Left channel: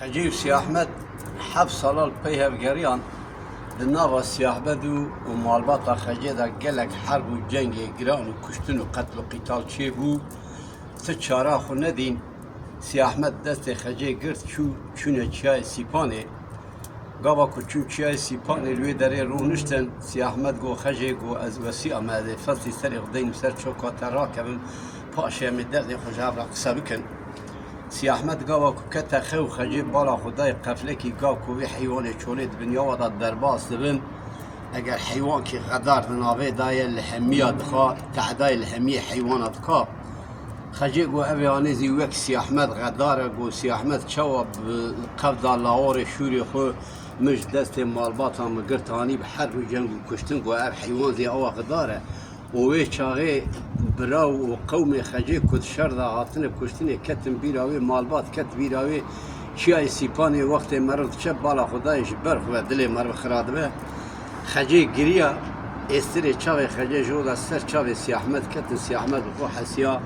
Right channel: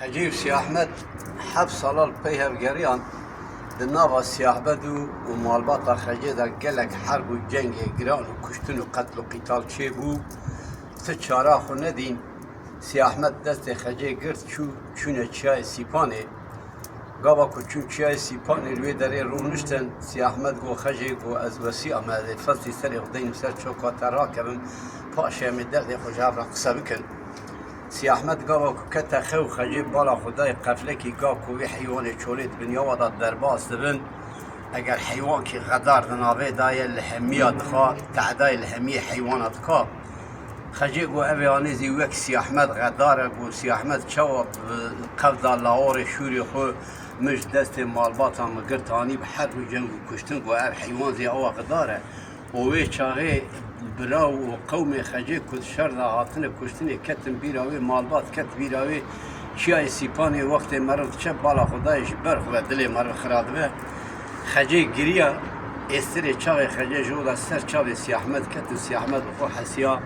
خجيب سي أحمد حبس صلال بيها بقريان بالنابا سي أحمد ومالباطا خجيدا قالك حرب وجنگ إجران وكشتن وقتل وقتال شيبو تشاراخ وندين سي أحمد دست خجي قرد شونه چای سيباني قابا كو چای سيباني روي داري رونشتن سي أحمد قو خجي قو از وسي أماده فصلي سري غدين سر چوكا تراكبن پاشا مدد خوش عبر قصة بكن سي أحمد قابا كو كتا خو خجي بالا خداي قفلكي قاب كو حيوان چوليد بنيا ودا درباس دبن اگر حيوان كي غدار دنابه داي الحمية دخا تعداي الحمية حيوانات كا خجي قو أبي آنيزي وك سي أحمد غداره قو سي أحمد شواب قفدا لاور شوري خو مش دست مالباطا مقرتاني بحرب جنگ وكشتن قو أب حيوان زي أوا غداره ووي شاغي براو وقومي خجي كد شردا هاتن كشتني كتن بيراوي مالبات كت بيراوي شاي سيباني وقت مرض شب بالا خدايش برخ و دلي مرض خراد به خجي قريا استري چاوي خجي جودا سر چاوي سي أحمد كتن سي أحمد بخو حسيا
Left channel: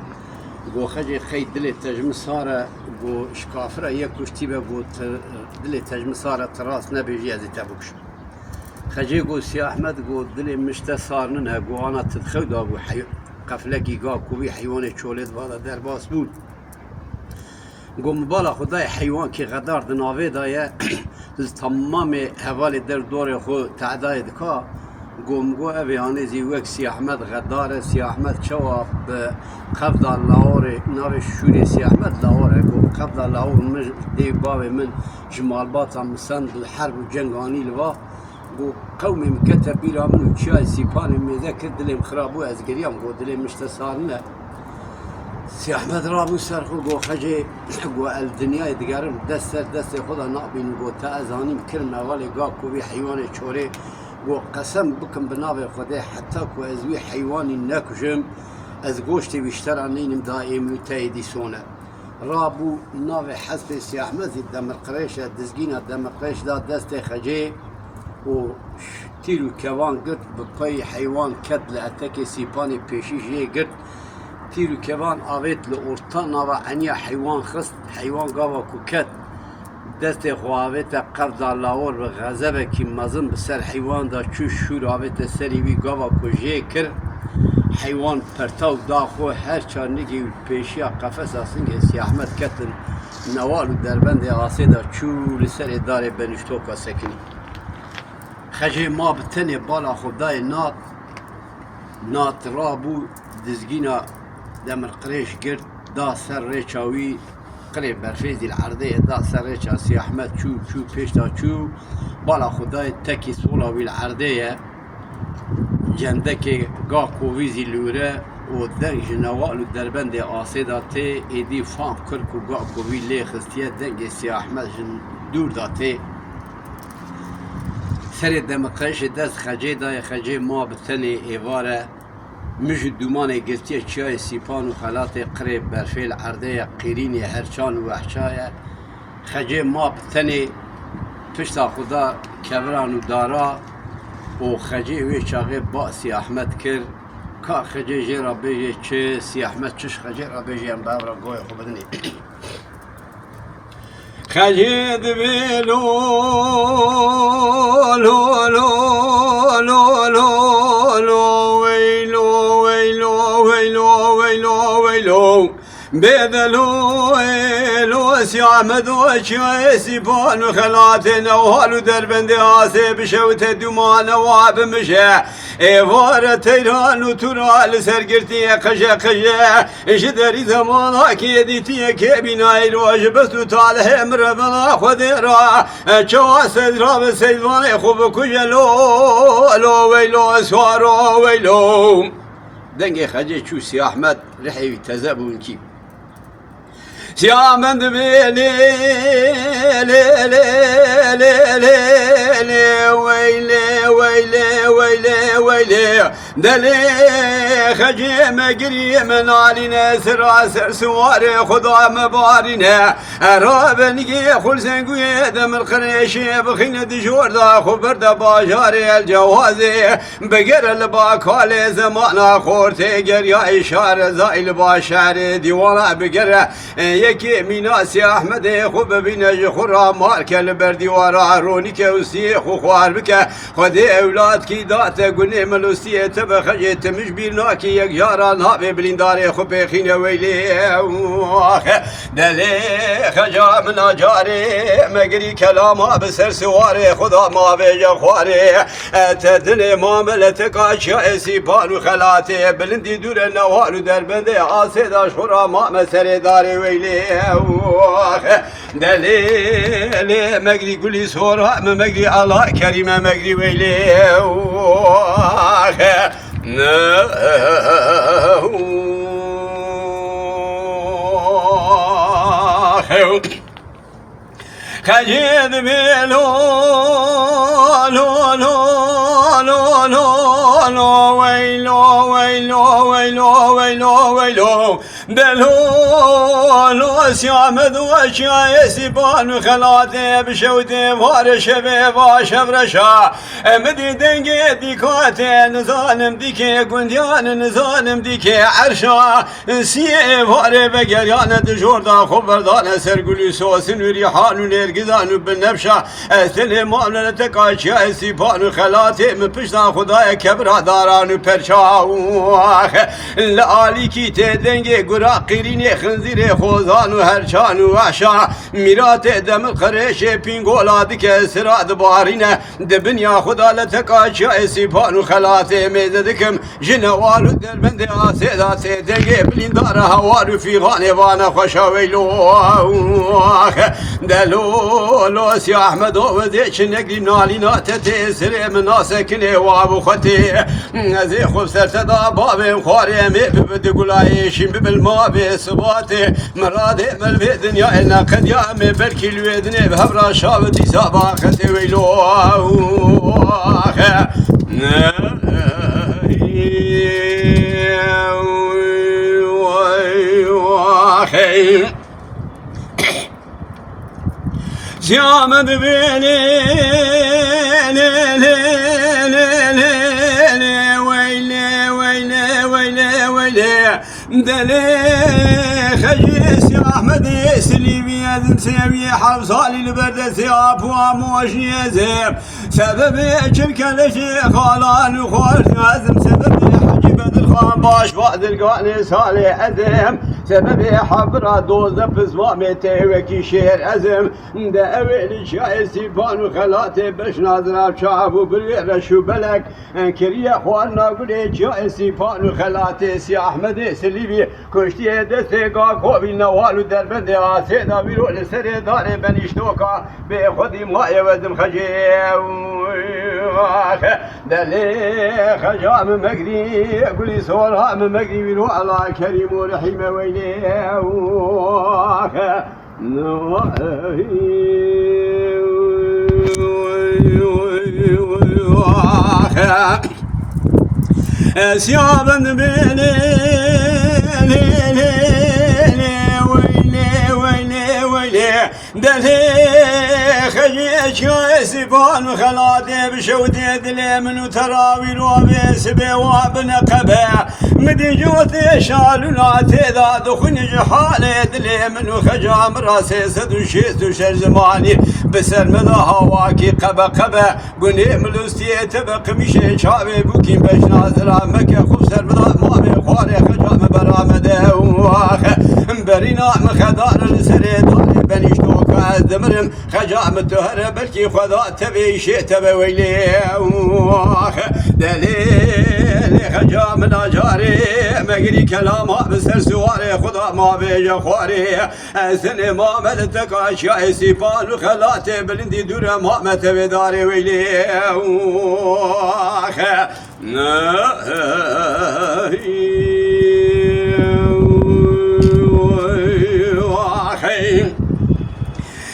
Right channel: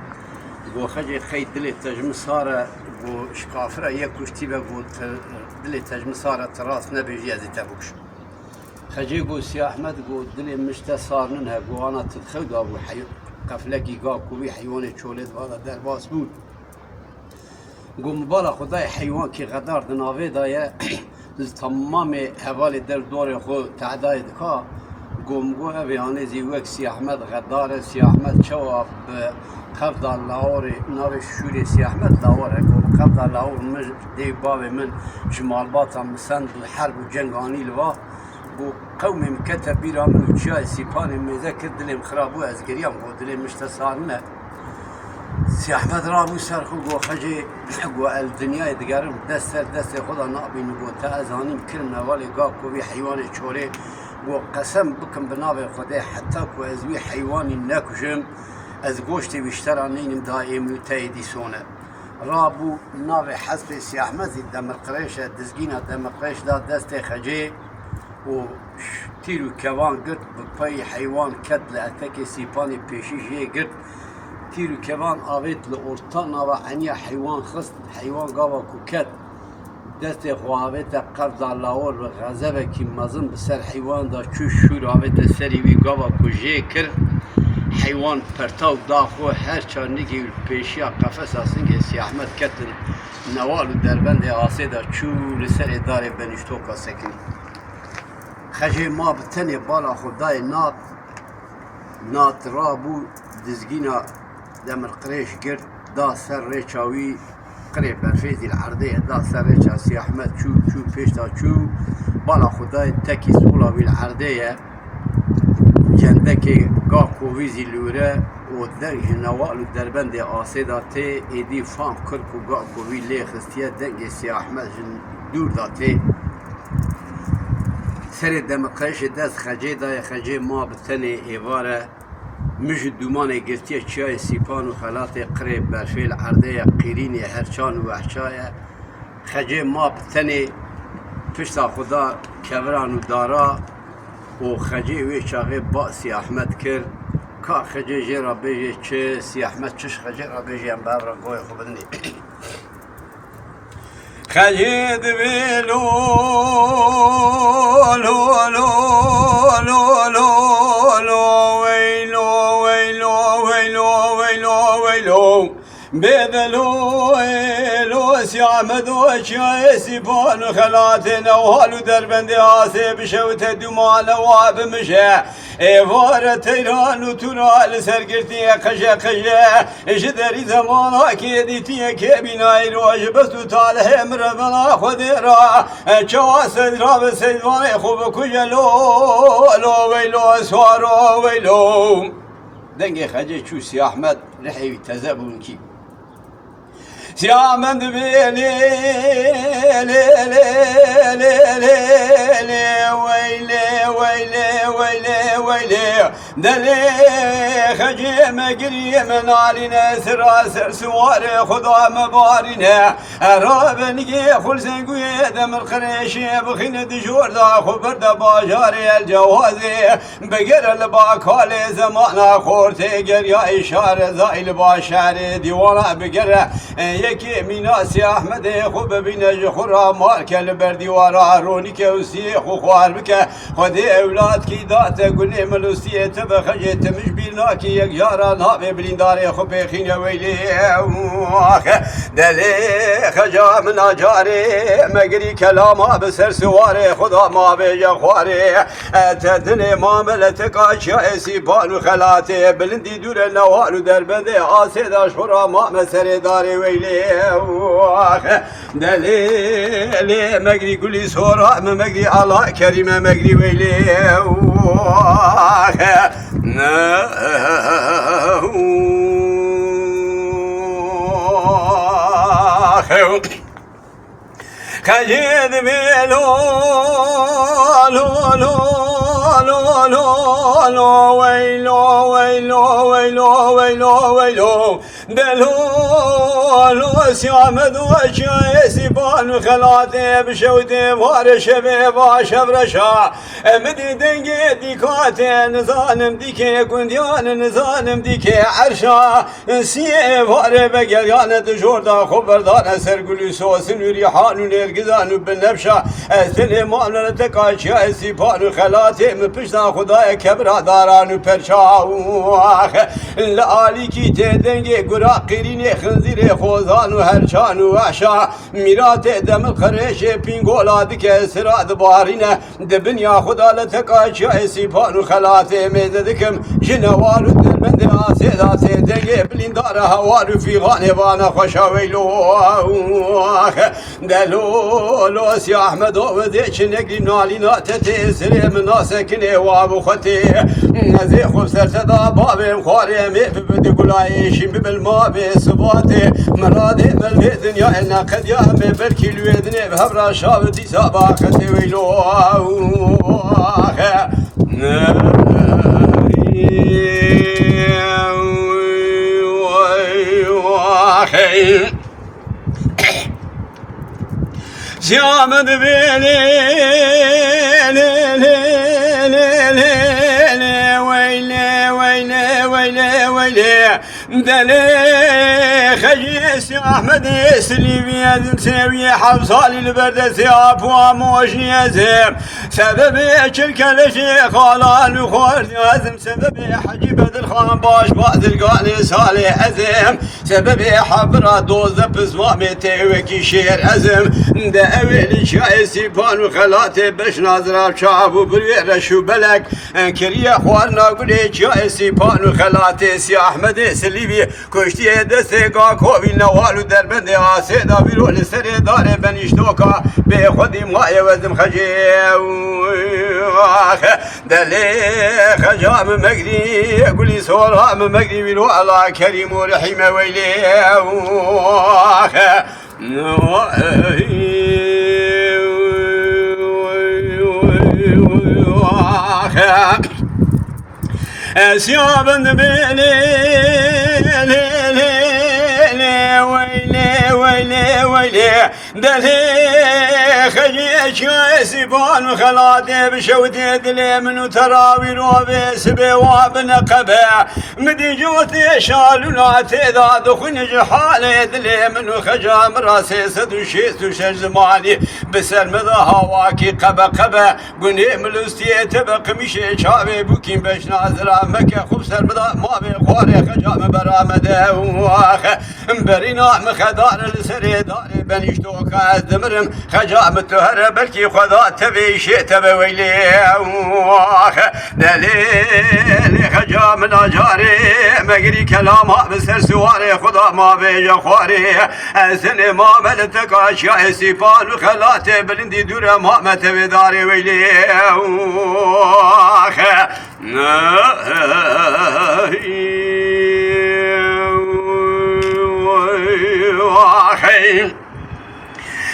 قو خجي خي دلي تجمسارة قو شكافرة يكشتي بقو دلي تجمسارة تراس نبيجي ازي تبوكش خجي قو سي أحمد قو دلي مشتا صارنها قو أنا تدخل دابو قفلكي قاب كوبي حيواني چولد وادا درباس بود قو مبالا خداي حيوان كي غدار دناوي دايا تمام حوالي در دور خو تعداي دكا قو مقو أبي هانيزي وك سي أحمد غدار سي أحمد شواب قفدا لاوري ناوي شوري سي أحمد لاوري قو قفدا لاور مش دي بابي من جمال باطا مسند الحرب وجنگاني لوا قو قومي مكتب بيرا منو چاي سيباني مذكر دلي مخرابو از قريام قو دلي مشتسارنا سي أحمد رابو سرخو قو خجي قو الدنيا دقارم دست خدا نقبين قو تأذاني مكرم نوالي قا كوبي حيواني چوري قو قسم بكم بنابي خدي حتى كو ازوي حيواني ناكجم از قوشتي بيشترانين دائم تايدي سونا رابو نابي حسب سي أحمد زي دمر قريشة دزقينا دمر قريش دا دست خجي و تيرو كوان قرد بقاي حيوان كد لأتاكي سيباني بيشي جي قرد تيرو كوان آويت لأورطانا وعنيا حيوان خست حيوان قاوا كو كد دست خواهويتا قفدا لاور وغزبه كي مزن بسر حيوان دا چو شور آويتا سري وي قاوا كو جي كر حيوان پرتاو داخو هر چارنگي بيشيا قفص آسنگه سي أحمد كتن نوالو دربند آسي دا چو لسر دار بنشتوكا سكني خجي ما بتني بالا خداي نات رابو دزگينا دمر قريش قرد دا سر ريچاوي قريب برفيزي العرضية دا سر ريچا سي أحمد شو پیش دا شو بالا خداي تكي سولاوي العرضية جندكي قا كوفيزي لوره و درج نوالو دربند آسيدا تي ايدي فام كركو قا كوفي لي خستيه دنگ سي أحمد جن دور دا تي سر دمقاش دست خجي داي خجي ما بتني ايواره مش دومانه گرتيه چای سيبان و خلات قريب برفيل عرضيه قيريني هرچان و وحشايه خجي ما بتني پشتا خدا كوران و دارا و خجي وي چاغي با سي أحمد كر كا خجي جيرا بيجي چه سي أحمد چش خجي را بيجي ام بابرا قوي خو بدني خجي دبيلو لو لو لو لو لو ويلو ويلو ويلو ويلو ويلو بذلو لو سي أحمد وشاي سيبان خلاتنا وهالو دربند آسي بشوت دومان واب مشا ايوار تيران وترال سرقرتي قشا قشا شدري زمانا كيديتي كبناي روج بس تاله مرضنا خديرا چوا سدرا بسيدوان خوب كجلو لو ويلو سوارو ويلو دنگي خجي شو سي أحمد رحي تزابون كيب سي أحمد بيلي لي لي لي لي لي ويلي ويلي ويلي ويلي ويلي دلي خجيم قريم علينا سراسر سواري خضع مبارنا رابني خل زنقوي دم الخريشي بخين دجور دا خبر دا باجاري الجوازي بقر الباكالي زمانا خورتي قريا إشارة زائل باشاري ديوانا بقر يكي ميناسي أحمد خوب بينج خورا مارك البردي ورا رونيك وسي خوار بك خدي أولاد كي دات قني ملوسي تبخجت مش بيناكي يجارا نابي بلنداري خوب خين ويلي دلي خجا من أجاري مقري كلاما بسر سواري خدا ما بيجا خواري تدني ماملتك أشياء سيبان وخلاتي بلندي دور النوال دربندي عاصد أشهر ما مسر داري ويلي دلي مقري كل سورة مقري الله كريم مقري ويلي خجيد بيلو لو لو لو لو لو ويلو ويلو ويلو ويلو ويلو دلو لو سيامد وشاي سيبان وخلاتي بشوتي فارش بيبا شبرشا مدي دنجي ديكاتي نظالم ديكي قنديان نظالم ديكي عرشا سي فاري بقريان دجوردا خبردان سرقلي سوسن وريحان ونرقزان بالنبشا سليمان لتكاشا سيبان وخلاتي من بشتا خداي كبرا داران وبرشا لآلي كي تدنجي قراقيريني خنزيري خوزان وهرشان وعشا ميرات دم الخريش بينغولا دك سراد بارينا دبنيا خدا لتكاشا سيبان وخلاتي ميزدكم جنوال الدربند آسيدا سيدنجي بلندار هوار في غانبانا خشا ويلو دلو لو سي احمد وديش نقري نالينا تتسري من ناسكني وابو ختي زي خوب سرتدا بابي مخاري ببدي قلايشي بالما بسباتي مرادي بالبيت يا إلنا قد يامي بركي الويدني بهبرا شابتي ساباختي ويلو زيامد بيلي ويلي ويلي ويلي ويلي دلي خجيس يا احمد يسلي بيد مسوي حفصالي البرد ثياب واموشني يزم سببي الكلشي خالان وخورت يزم سببي حجي بدر خان باش بعد القاني صالح ازم سببي حبرا دوزة بزوامي تيوكي شير ازم دا اويل شاي سيبان وخلاتي باش نازراب شعب وبرير شو بلك كريا خوارنا قولي شاي سيبان وخلاتي سي احمد سليبي كشتي دستي قاكوبي نوالو دربندي عاسيدا بيرو لسري داري بنيشتوكا بخدي ماي وزم خجي دلي خجام مقري قولي صورها مقري بيرو على كريم ورحيم ويلي سيابن بيلي ويلي ويلي ويلي دلي خجيش سيبان وخلاتي بشوتي دلي منو تراوي روبي سبي وابن قبع مدي جوتي شالونا تيدا دخن جحالي دلي منو خجام راسي سدو شيس وشج زماني بسر مضى هواكي قبا قبا قني ملوستي تبق مشي شابي بوكين باش نازرا مكة خبسر مضى ما بيخواري خجام برامده برينا مخدار السري داري بنيشتوكا دمرم خجام التهر بلكي خذا تبي شيء تبي ويلي دليل خجام الأجاري مقري كلامها بسر سواري خذا ما بيجا خواري سنة ما ملتك أشياء سيفان وخلاتي بلندي دورة ما تبي داري ويلي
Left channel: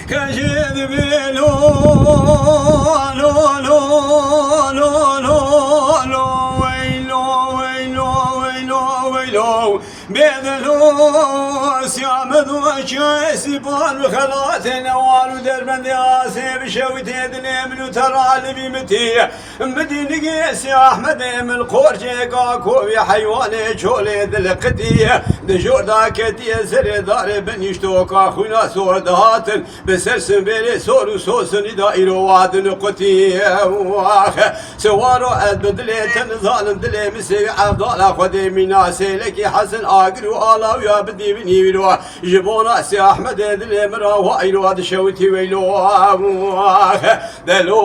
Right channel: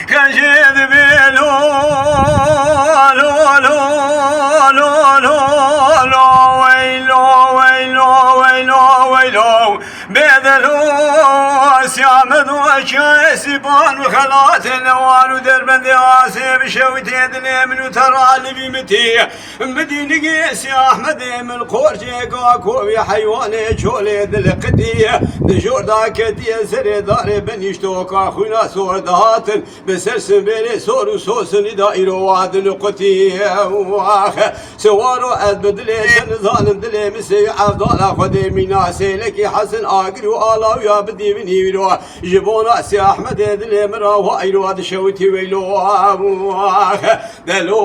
كان جذب لو وشو سيبان وخلات النوال ودربند ياسي بشوي تدلي من ترى اللي بمتي مدينة قيس يا أحمد من قرشي قاكو يا حيواني شولي ذلقتي دجور داكتي سري داري بنيشتوك أخونا سور دهاتن بسرسن بيري سور وسوسن دائرو واد نقطي سوارو أدبدلي تنظالم دلي مسي عبدالله خدي ميناسي لكي حسن آقر وآلا ويا بدي بني ويلو جبونا سي أحمد دلي مرا وإيلو هاد شوتي ويلو دلو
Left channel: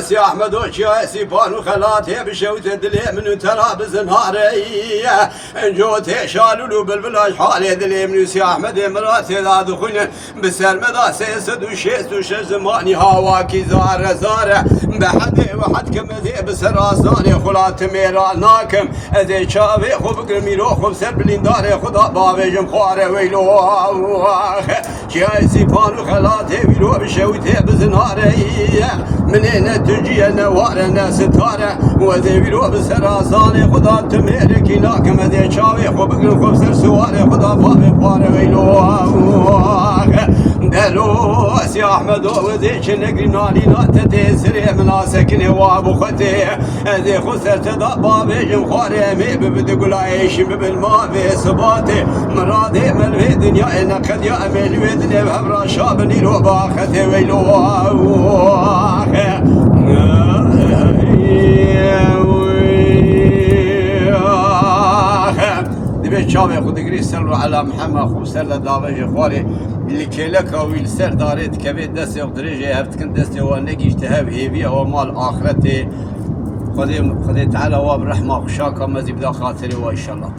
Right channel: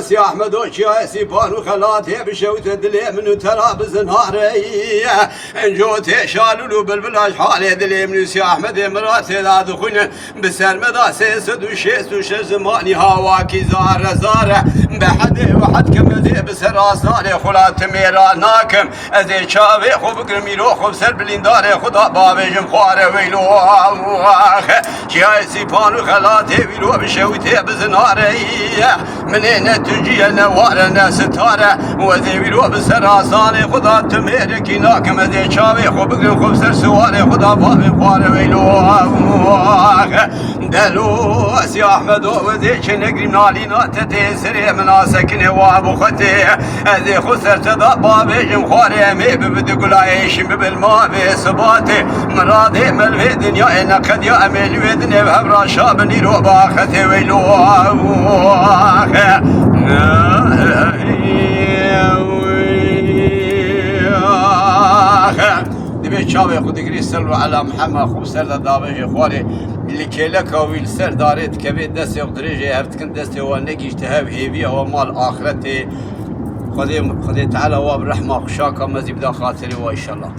سي أحمد وشيا سي بانو خلاتي بشوت دلي من ترابز نهاري انجوتي شالولو بالبلاش حالي دلي من سي أحمد مراتي لا دخون بسرمدا سيسد وشيس وش زماني هواكي زار زار بحد وحد كمزي بسراساني خلات ميرا ناكم ازي شافي خوب قرميلو خوب سر بلينداري خدا بابجم خواري ويلو شياي سيبانو خلاتي ويلو بشوتي بزناري منين تجي نوارنا ستاره وزي ويلو بسراساني خدا تميركي ناكم ازي شافي خوب قرم خوب سر سواري خدا بابي خواري ويلو دلو سي احمد وزي شنقري نالينا تتسري مناسكني وابو ختي ازي خسرت بابي جم خواري مي ببدي قلايش بالماء في صباتي مرادي ملوي دنيا انا قد يا امل ودني بهبرا شابني رو باختي ويلو دبي شابي خد قري سلوا على محمد خو سر دابه خواري اللي كيلك او السر داريت كبير دست يقدري هفتكن دست هو نجي اجتهاب هيبي او مال اخرتي خدي تعالى واب رحمه خشاك مزيد خاطري وان شاء الله